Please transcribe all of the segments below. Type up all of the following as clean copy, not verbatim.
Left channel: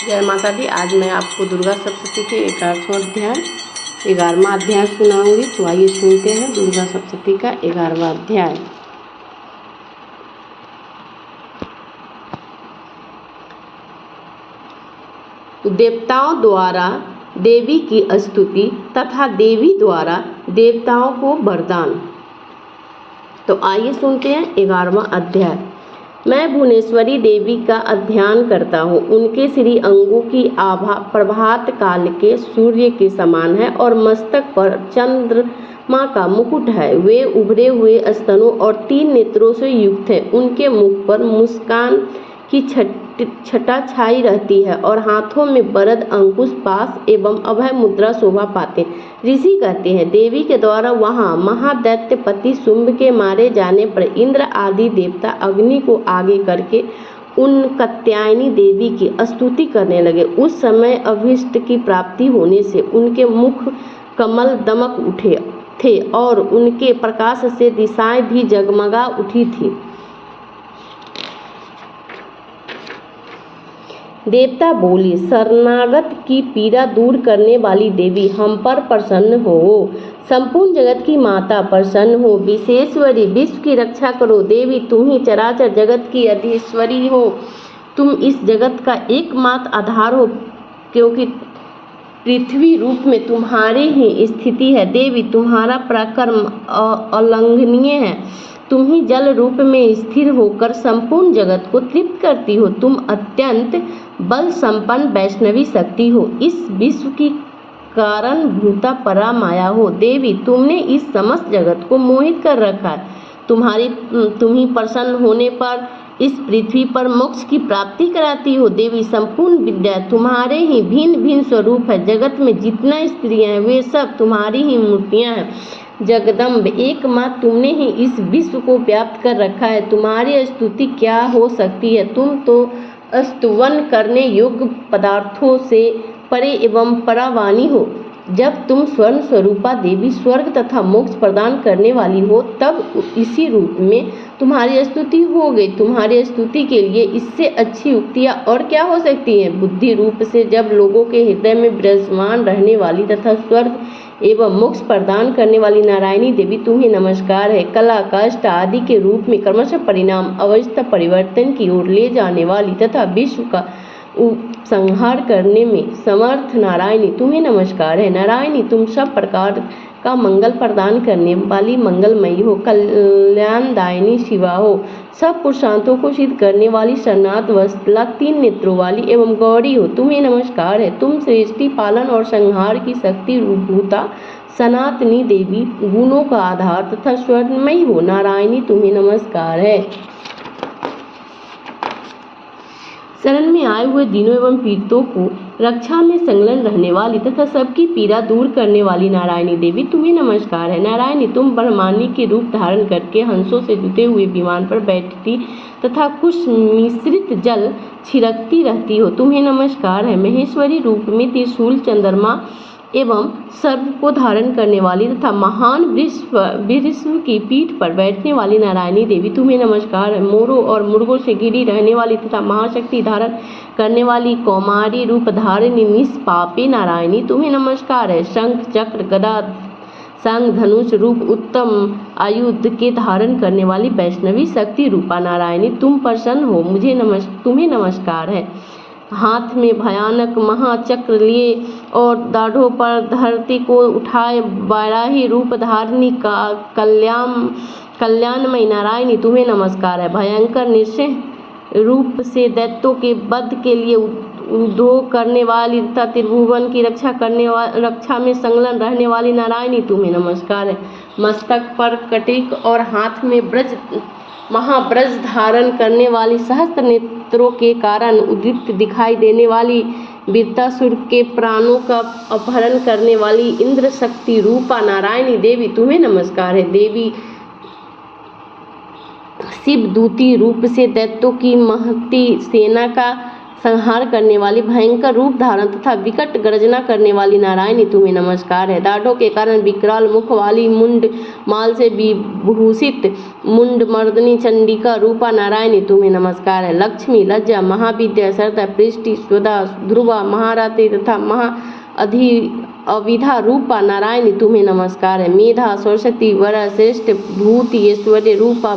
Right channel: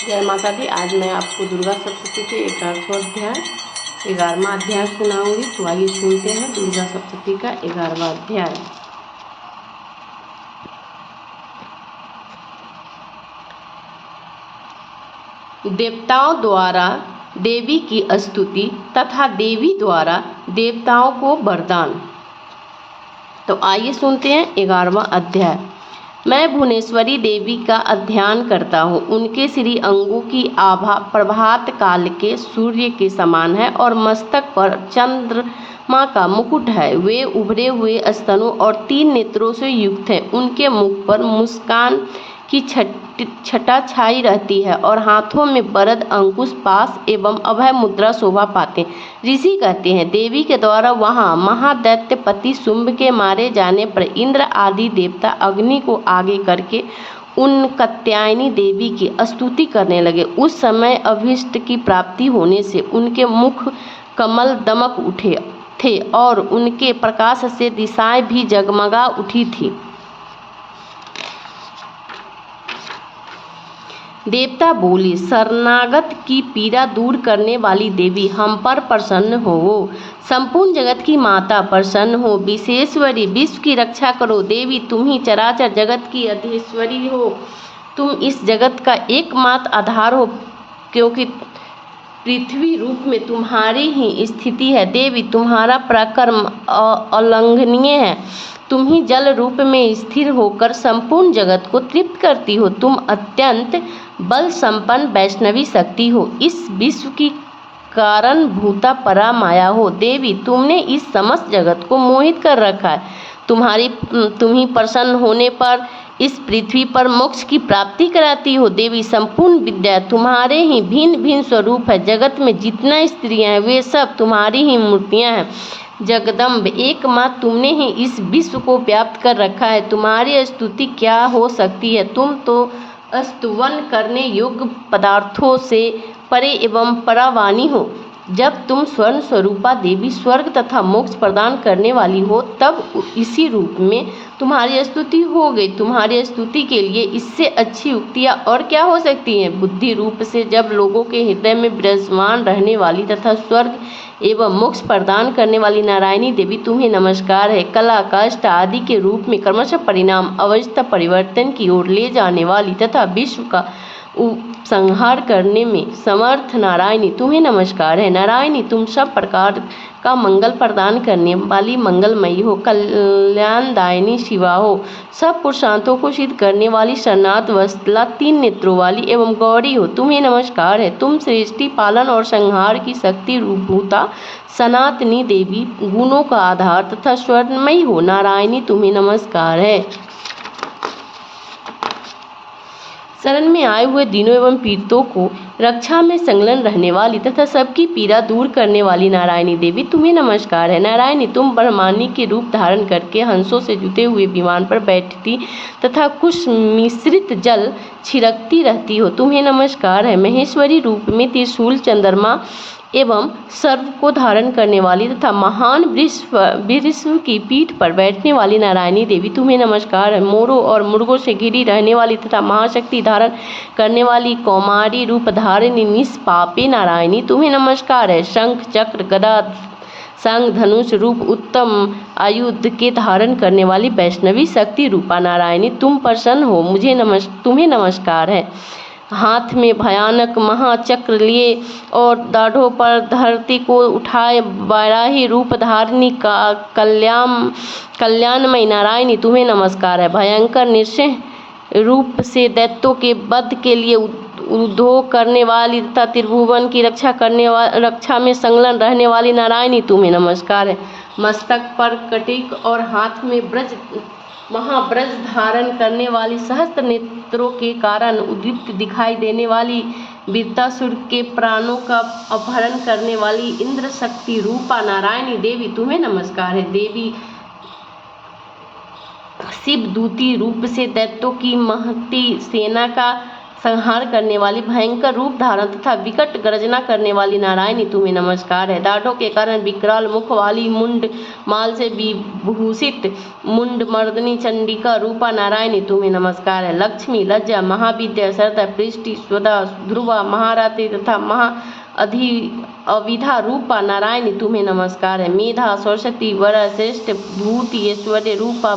जय माता दी। आज मैं आपको दुर्गा सप्तशती के 11वां अध्याय सुनाऊंगी। तो आइए सुनते हैं दुर्गा सप्तशती का 11वां अध्याय। देवताओं द्वारा देवी की स्तुति तथा देवी द्वारा देवताओं को वरदान। तो आइए सुनते हैं 11वां अध्याय। मैं भुवनेश्वरी देवी का ध्यान करता हूँ। उनके श्री अंगों की आभा प्रभात काल के सूर्य के समान है और मस्तक पर चंद्रमा का मुकुट है। वे उभरे हुए स्तनों और 3 नेत्रों से युक्त हैं। उनके मुख पर मुस्कान की छटा छाई रहती है और हाथों में वरद अंकुश पाश एवं अभय मुद्रा शोभा पाते। ऋषि कहते हैं, देवी के द्वारा वहाँ महादैत्य पति शुंभ के मारे जाने पर इंद्र आदि देवता अग्नि को आगे करके उन कात्यायनी देवी की स्तुति करने लगे। उस समय अभीष्ट की प्राप्ति होने से उनके मुख कमल दमक उठे थे और उनके प्रकाश से दिशाएं भी जगमगा उठी थी। देवता बोले, शरणागत की पीड़ा दूर करने वाली देवी, हम पर प्रसन्न हो। संपूर्ण जगत की माता, प्रसन्न हो। विश्वेश्वरी, विश्व की रक्षा करो। देवी, तुम ही चराचर जगत की अधीश्वरी हो। तुम इस जगत का एकमात्र आधार हो, क्योंकि पृथ्वी रूप में तुम्हारी ही स्थिति है। देवी, तुम्हारा पराक्रम अलंघनीय है। तुम ही जल रूप में स्थिर होकर संपूर्ण जगत को तृप्त करती हो। तुम अत्यंत बल संपन्न वैष्णवी शक्ति हो। इस विश्व की कारण भूता परा माया हो। देवी, तुमने इस समस्त जगत को मोहित कर रखा है। तुम ही प्रसन्न होने पर इस पृथ्वी पर मोक्ष की प्राप्ति कराती हो। देवी, संपूर्ण विद्या तुम्हारे ही भिन्न भिन्न स्वरूप है। जगत में जितना स्त्रियां हैं वे सब तुम्हारी ही मूर्तियां हैं। जगदम्ब, एकमात्र तुमने ही इस विश्व को व्याप्त कर रखा है। तुम्हारी स्तुति क्या हो सकती है। तुम तो स्तुवन करने योग्य पदार्थों से परे एवं परावानी हो। जब तुम स्वर्ण स्वरूपा देवी स्वर्ग तथा मोक्ष प्रदान करने वाली हो, तब इसी रूप में तुम्हारी स्तुति हो गई। तुम्हारी स्तुति के लिए इससे अच्छी उक्तियाँ और क्या हो सकती हैं। बुद्धि रूप से जब लोगों के हृदय में विराजमान रहने वाली तथा स्वर्ग एवं मोक्ष प्रदान करने वाली नारायणी देवी, तुम्हें नमस्कार है। कला, कष्ट आदि के रूप में क्रमशः परिणाम अवस्था परिवर्तन की ओर ले जाने वाली तथा विश्व का संहार करने में समर्थ नारायणी, तुम्हें नमस्कार है। नारायणी, तुम सब प्रकार का मंगल प्रदान करने वाली मंगलमयी हो। कल्याणदायिनी शिवा हो। सब पुरुषार्थों को सिद्ध करने वाली शरणार्थ वत्सला 3 नेत्रों वाली एवं गौरी हो। तुम्हें नमस्कार है। तुम सृष्टि पालन और संहार की शक्ति रूपभूता सनातनी देवी, गुणों का आधार तथा स्वर्णमयी हो। नारायणी, तुम्हें नमस्कार है। शरण में आए हुए दीनों एवं पीड़ितों को रक्षा में संलग्न रहने वाली तथा सबकी पीड़ा दूर करने वाली नारायणी देवी, तुम्हें नमस्कार है। नारायणी, तुम ब्रह्मांडी के रूप धारण करके हंसों से जुटे हुए विमान पर बैठती तथा कुछ मिश्रित जल छिड़कती रहती हो। तुम्हें नमस्कार है। महेश्वरी रूप में त्रिशूल, चंद्रमा एवं सर्व को धारण करने वाली तथा महान वृषभ की पीठ पर बैठने वाली नारायणी देवी, तुम्हें नमस्कार है। मोरों और मुर्गों से घिरी रहने वाली तथा महाशक्ति धारण करने वाली कौमारी रूप धारिणी निष्पापी नारायणी, तुम्हें नमस्कार है। शंख, चक्र, गदा, शंख, धनुष रूप उत्तम आयुध के धारण करने वाली वैष्णवी शक्ति रूपा नारायणी, तुम प्रसन्न हो। तुम्हें नमस्कार है। हाथ में भयानक महाचक्र लिए और दाढ़ों पर धरती को उठाए वाराही रूप धारिणी का कल्याणमयी नारायणी, तुम्हें नमस्कार है। भयंकर नृसिंह रूप से दैत्यों के वध के लिए उद्योग करने वाली तथा त्रिभुवन की रक्षा में संलग्न रहने वाली नारायणी, तुम्हें नमस्कार है। मस्तक पर कटिक और हाथ में महाब्रज धारण करने वाली, सहस्त्र नेत्रों के कारण उद्दीप्त दिखाई देने वाली, वृत्तासुर के प्राणों का अपहरण करने वाली इंद्र शक्ति रूपा नारायणी देवी, तुम्हें नमस्कार है। देवी, शिवदूती रूप से दैत्यों की महती सेना का संहार करने वाली, भयंकर रूप धारण तथा विकट गर्जना करने वाली नारायणी तुम्हें नमस्कार है। दाढ़ों के कारण विकराल मुख वाली, मुंड माल से विभूषित मुंड मर्दनी चंडिका रूपा नारायणी तुम्हें नमस्कार है। लक्ष्मी, लज्जा, महाविद्या, सरदा, पृष्टि, स्वदा, ध्रुवा, महारात्रि तथा अविधा रूपा नारायणी तुम्हें नमस्कार है। मेधा, सरस्वती, वरा, श्रेष्ठ, भूति, ऐश्वर्य रूपा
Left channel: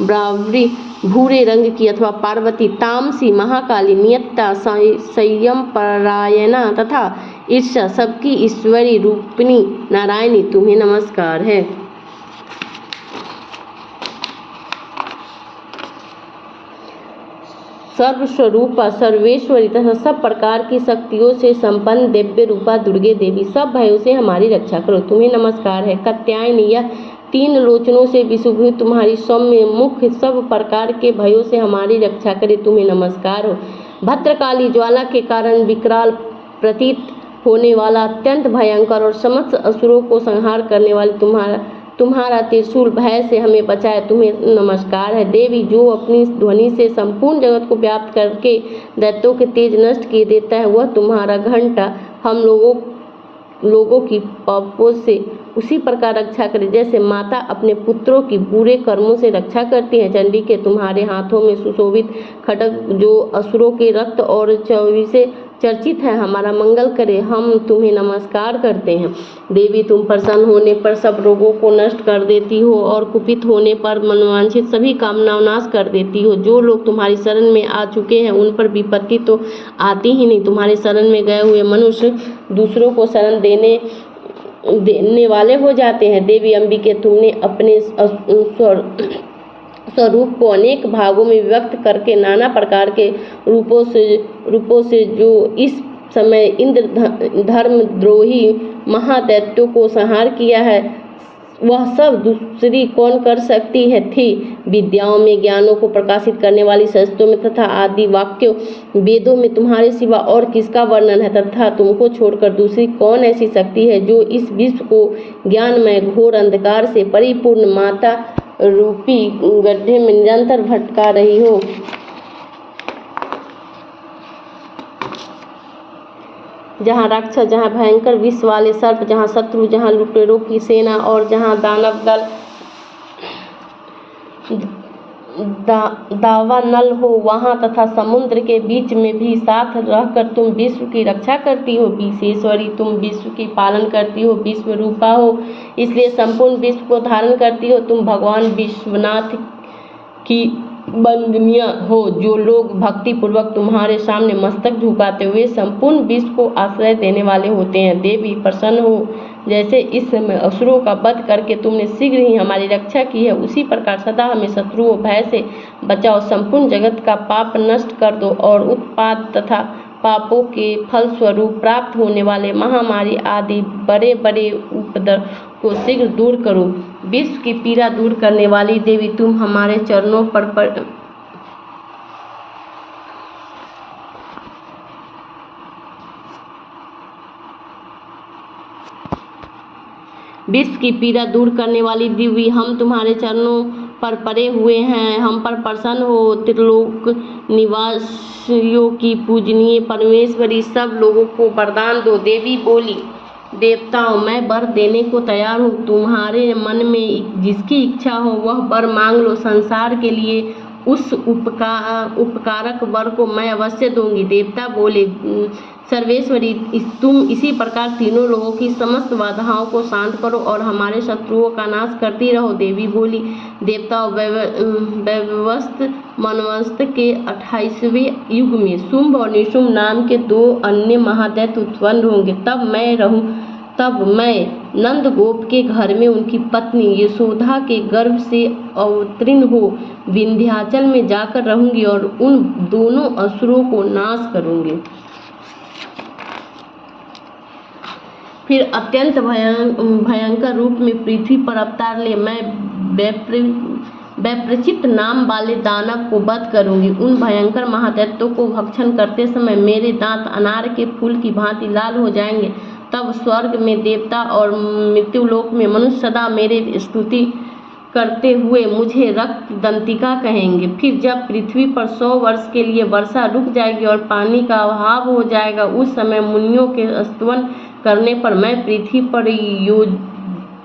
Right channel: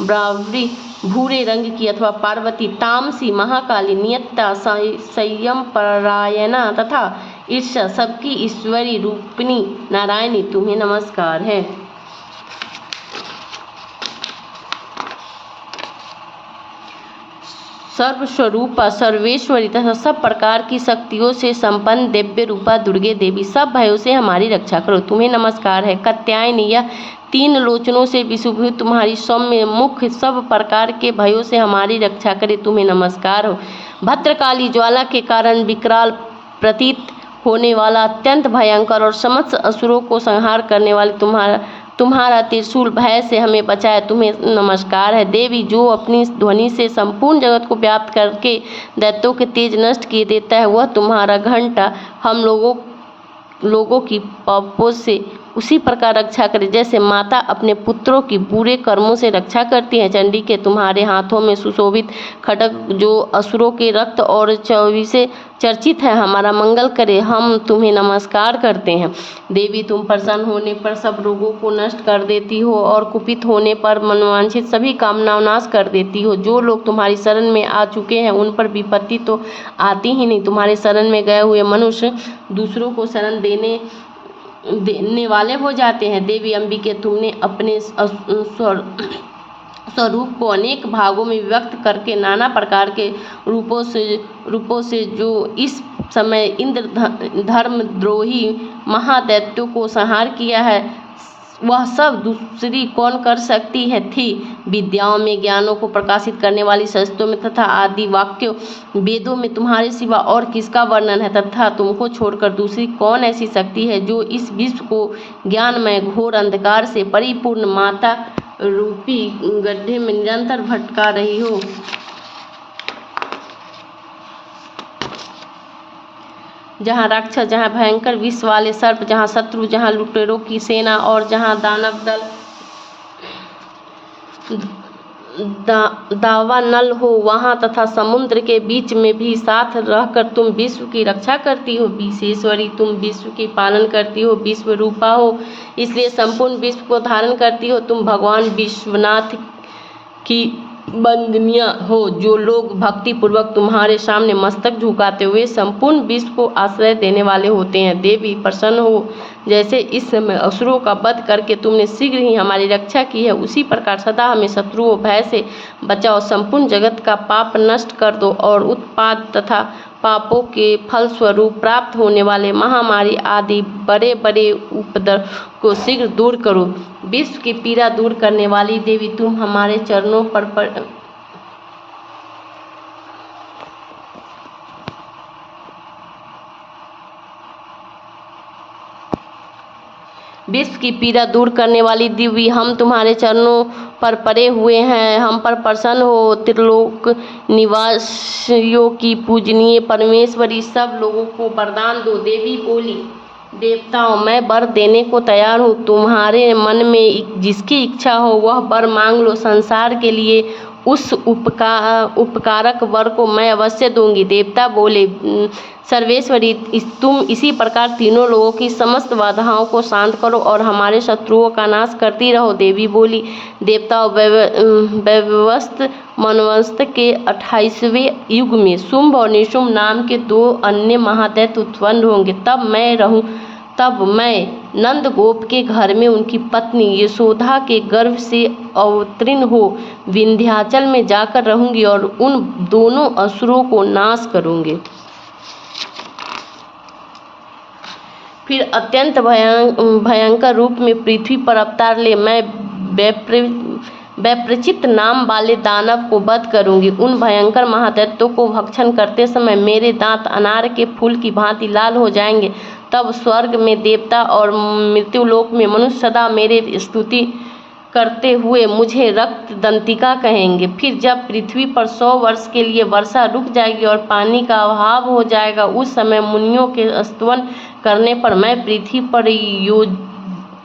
ब्राह्मणी, भूरे रंग की अथवा पार्वती, तामसी, महाकाली, नियत्ता, संयम परायणा तथा ईर्षा सबकी ईश्वरी रूपिणी नारायणी तुम्हें नमस्कार है। सर्वस्वरूपा, सर्वेश्वरी तथा सब प्रकार की शक्तियों से संपन्न दिव्य रूपा दुर्गे देवी, सब भयों से हमारी रक्षा करो तुम्हें नमस्कार है। कात्यायनी, यह 3 लोचनों से विशुभूत तुम्हारी सौम्य मुख सब प्रकार के भयों से हमारी रक्षा करे तुम्हें नमस्कार हो। भद्रकाली, ज्वाला के कारण विकराल प्रतीत होने वाला, अत्यंत भयंकर और समस्त असुरों को संहार करने वाले तुम्हारा त्रिशूल भय से हमें बचाए तुम्हें नमस्कार है। देवी, जो अपनी ध्वनि से संपूर्ण जगत को व्याप्त करके दैत्यों के तेज नष्ट किए देता है, वह तुम्हारा घंटा हम लोगों की पापों से उसी प्रकार रक्षा करे जैसे माता अपने पुत्रों की बुरे कर्मों से रक्षा करती है। चंडी के तुम्हारे हाथों में सुशोभित खड्ग जो असुरों के रक्त और चौवी से चर्चित है, हमारा मंगल करे हम तुम्हें नमस्कार करते हैं। देवी, तुम प्रसन्न होने पर सब रोगों को नष्ट कर देती हो और कुपित होने पर मनोवांछित सभी कामना नाश कर देती हो। जो लोग तुम्हारी शरण में आ चुके हैं उन पर विपत्ति तो आती ही नहीं। तुम्हारे शरण में गए हुए मनुष्य दूसरों को शरण देने वाले हो जाते हैं। देवी अंबिके, तुमने अपने स्वरूप को अनेक भागों में विभक्त करके नाना प्रकार के रूपों से जो इस समय इंद्र धर्मद्रोही महादैत्यों को संहार किया है, वह सब दूसरी कौन कर सकती है थी। विद्याओं में, ज्ञानों को प्रकाशित करने वाली शस्त्रों में तथा आदि वाक्यों वेदों में तुम्हारे सिवा और किसका वर्णन है तथा तुमको छोड़कर दूसरी कौन ऐसी शक्ति है जो इस विश्व को ज्ञानमय घोर अंधकार से परिपूर्ण माता रूपी गड्ढे में निरंतर भटका रही हो। जहाँ राक्षस, जहाँ भयंकर विष वाले सर्प, जहाँ शत्रु, जहाँ लुटेरों की सेना और जहाँ दानव दल दावानल हो, वहाँ तथा समुद्र के बीच में भी साथ रहकर तुम विश्व की रक्षा करती हो। विशेश्वरी, तुम विश्व की पालन करती हो, विश्व रूपा हो, इसलिए संपूर्ण विश्व को धारण करती हो। तुम भगवान विश्वनाथ की वंदनीय हो। जो लोग भक्ति पूर्वक तुम्हारे सामने मस्तक झुकाते हुए संपूर्ण विश्व को आश्रय देने वाले होते हैं। देवी, प्रसन्न हो जैसे इस समय असुरों का वध करके तुमने शीघ्र ही हमारी रक्षा की है, उसी प्रकार सदा हमें शत्रुओं भय से बचाओ। संपूर्ण जगत का पाप नष्ट कर दो और उत्पाद तथा पापों के फलस्वरूप प्राप्त होने वाले महामारी आदि बड़े बड़े उपद्रव को शीघ्र दूर करो। विश्व की पीड़ा दूर करने वाली देवी, तुम हमारे चरणों पर विश्व की पीड़ा दूर करने वाली देवी, हम तुम्हारे चरणों पर पड़े हुए हैं, हम पर प्रसन्न हो। त्रिलोक निवासियों की पूजनीय परमेश्वरी, सब लोगों को वरदान दो। देवी बोली, देवताओं, मैं वर देने को तैयार हूँ। तुम्हारे मन में जिसकी इच्छा हो वह वर मांग लो। संसार के लिए उस उपकारक वर को मैं अवश्य दूंगी। देवता बोले, सर्वेश्वरी, तुम इसी प्रकार तीनों लोगों की समस्त बाधाओं को शांत करो और हमारे शत्रुओं का नाश करती रहो। देवी बोली, देवताओं, वैवस्वत मनवस्त के 28वें युग में शुंभ और निशुंभ नाम के 2 अन्य महादैत्य उत्पन्न होंगे। तब मैं नंद गोप के घर में उनकी पत्नी यशोदा के गर्भ से अवतीर्ण हो विंध्याचल में जाकर रहूंगी और उन दोनों असुरों को नाश करूंगी। फिर अत्यंत भयंकर रूप में पृथ्वी पर अवतार ले मैं वैप्रचित नाम वाले दानव को वध करूंगी। उन भयंकर महादैत्यों को भक्षण करते समय मेरे दांत अनार के फूल की भांति लाल हो जाएंगे। तब स्वर्ग में देवता और मृत्युलोक में मनुष्य सदा मेरे स्तुति करते हुए मुझे रक्त दंतिका कहेंगे। फिर जब पृथ्वी पर 100 वर्ष के लिए वर्षा रुक जाएगी और पानी का अभाव हो जाएगा, उस समय मुनियों के स्तवन करने पर मैं पृथ्वी पर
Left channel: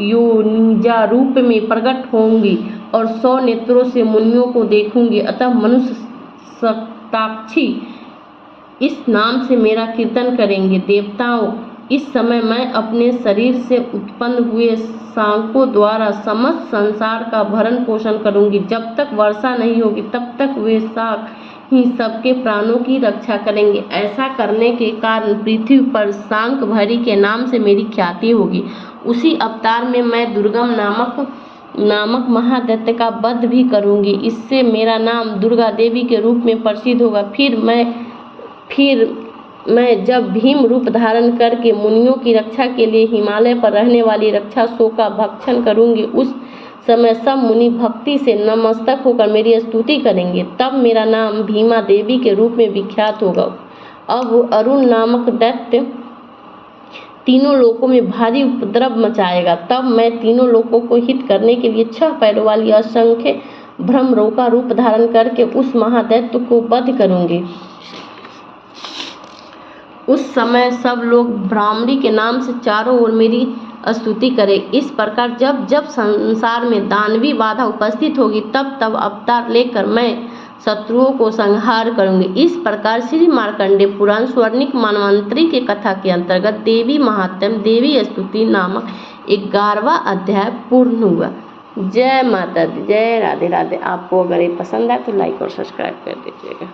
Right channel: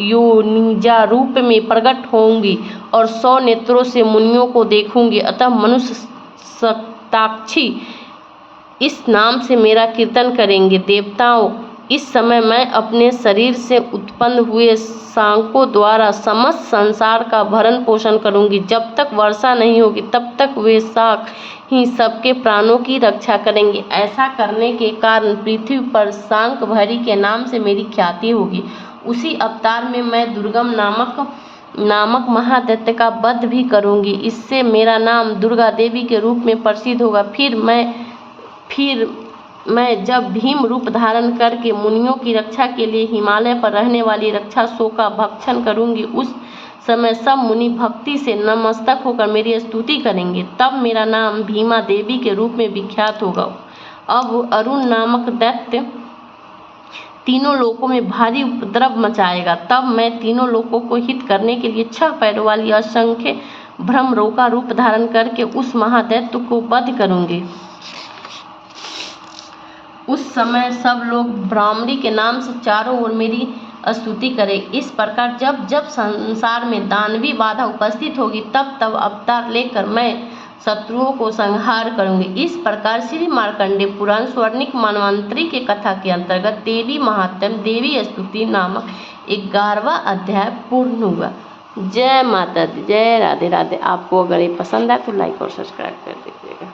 योनिजा रूप में प्रकट होंगी और 100 नेत्रों से मुनियों को देखूंगी। अतः मनुष्य शताक्षी इस नाम से मेरा कीर्तन करेंगे। देवताओं, इस समय मैं अपने शरीर से उत्पन्न हुए शाकों द्वारा समस्त संसार का भरण पोषण करूंगी। जब तक वर्षा नहीं होगी तब तक वे शाक ही सबके प्राणों की रक्षा करेंगे। ऐसा करने के कारण पृथ्वी पर शाकंभरी के नाम से मेरी ख्याति होगी। उसी अवतार में मैं दुर्गम नामक महादैत्य का वध भी करूंगी। इससे मेरा नाम दुर्गा देवी के रूप में प्रसिद्ध होगा। फिर मैं जब भीम रूप धारण करके मुनियों की रक्षा के लिए हिमालय पर रहने वाली रक्षासों का भक्षण करूंगी, उस समय सब मुनि भक्ति से नतमस्तक होकर मेरी स्तुति करेंगे। तब मेरा नाम भीमा देवी के रूप में विख्यात होगा। अब अरुण नामक दैत्य तीनों लोकों में भारी उपद्रव मचाएगा। तब मैं तीनों लोकों को हित करने के लिए 6 पैरों वाली असंख्य भ्रमरों का रूप धारण करके उस महादैत्य को वध करूंगी। उस समय सब लोग भ्रामरी के नाम से चारों ओर मेरी स्तुति करें। इस प्रकार जब जब संसार में दानवी बाधा उपस्थित होगी तब तब अवतार लेकर मैं शत्रुओं को संहार करूंगी। इस प्रकार श्री मार्कंडेय पुराण स्वर्णिक मनवंतरी के कथा के अंतर्गत देवी महात्म्य देवी स्तुति नामक 11वां अध्याय पूर्ण हुआ। जय माता दी, जय राधे राधे। आपको अगर ये पसंद आए तो लाइक और सब्सक्राइब कर दीजिएगा।